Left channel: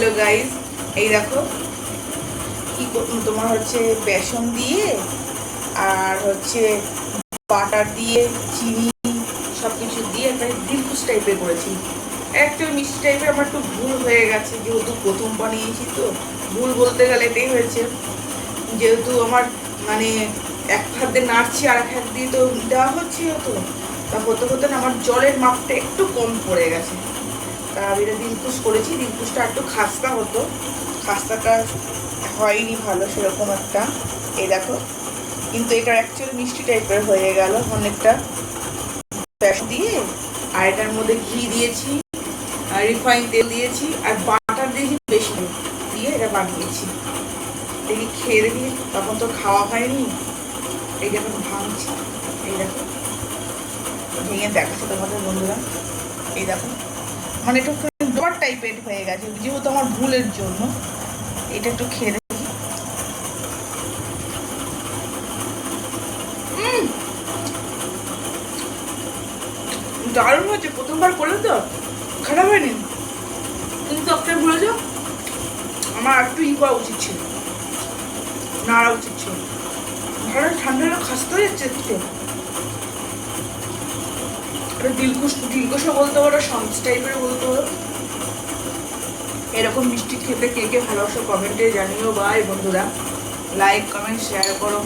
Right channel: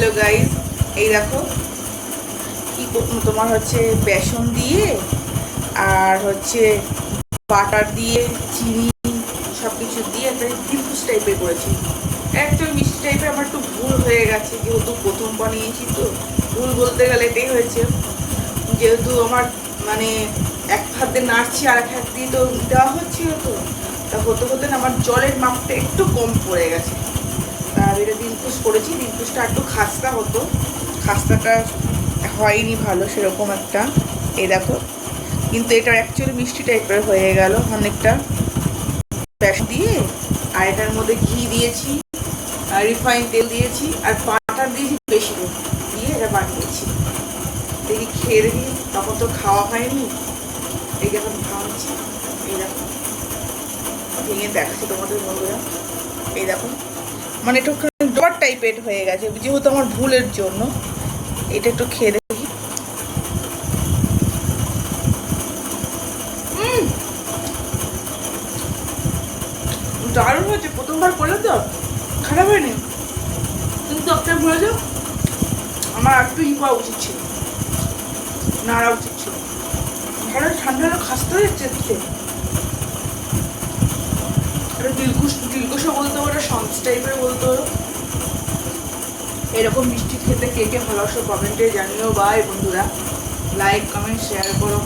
Hello guys, এই দেখো কি তোমার হচ্ছে বেসন দিয়ে আর হচ্ছে বাটার দিয়ে চিনি সব কিছু দিয়ে একটা দিলকুশ টাইপের করেছি। একচুয়ালি মিষ্টি টাইপের আমার একটু ভুল হয়ে গেছে, যেহেতু প্রথম বানিয়েছি তো ভুল বলতে গেলে এটাই হয়েছে। যেহেতু আমার মানে এক হাত দিয়ে নাড়ছি আর এক হাত দিয়ে তো দেওয়া হচ্ছিল, তো তা হতে হতে না আমার জলের মাপটা একটু কম পড়ে গেছে। আর এটা দিলকুশ করেছি, দিলকুশটা একটু খাস্তা হতো, খাস্তাটা হয়নি ভালো সেরকম একটা। এই দেখো, কিন্তু এটা অ্যাকচুয়ালি মিষ্টি টাইপের হয়ে গেল অনেকটা প্যাশ দিয়ে। আর এটার মধ্যে ঘি দিয়েছি আর রিফাইন তেল দিয়েছি আর বাটার দিয়েছি বেশি দিয়ে এটা বানিয়েছি। দেখি খেয়ে দেখি, তখন তো খাওয়া হয়নি। এই যখন ভাঙছি, এই দেখো ভেঙে দেখাচ্ছি তোমাদের বন্ধুরা। এই দেখো মানে একটু ডবার টাইপের হয়ে গেছে, যেহেতু আমার ভুলের জন্য। এটা একটু খেয়ে দেখি। দারুণ হয়েছে, প্রথমবার করলে তো খারাপ হয়নি, কিন্তু একটা ভুলে যাও, আমার একটু করা উচিত ছিল, নাড়া উচিত ছিল। ভালো ঠান্ডা খাসতে হয়ে যাচ্ছে। এটা দিলকুশও বলতে পারো, সন্স টাইপের বলতে পারো। এরকম মিষ্টি খেতে কে কে ভালোবাসো কমেন্টে জানিও। বাই বন্ধুরা, লাইক কমেন্ট শেয়ার করো।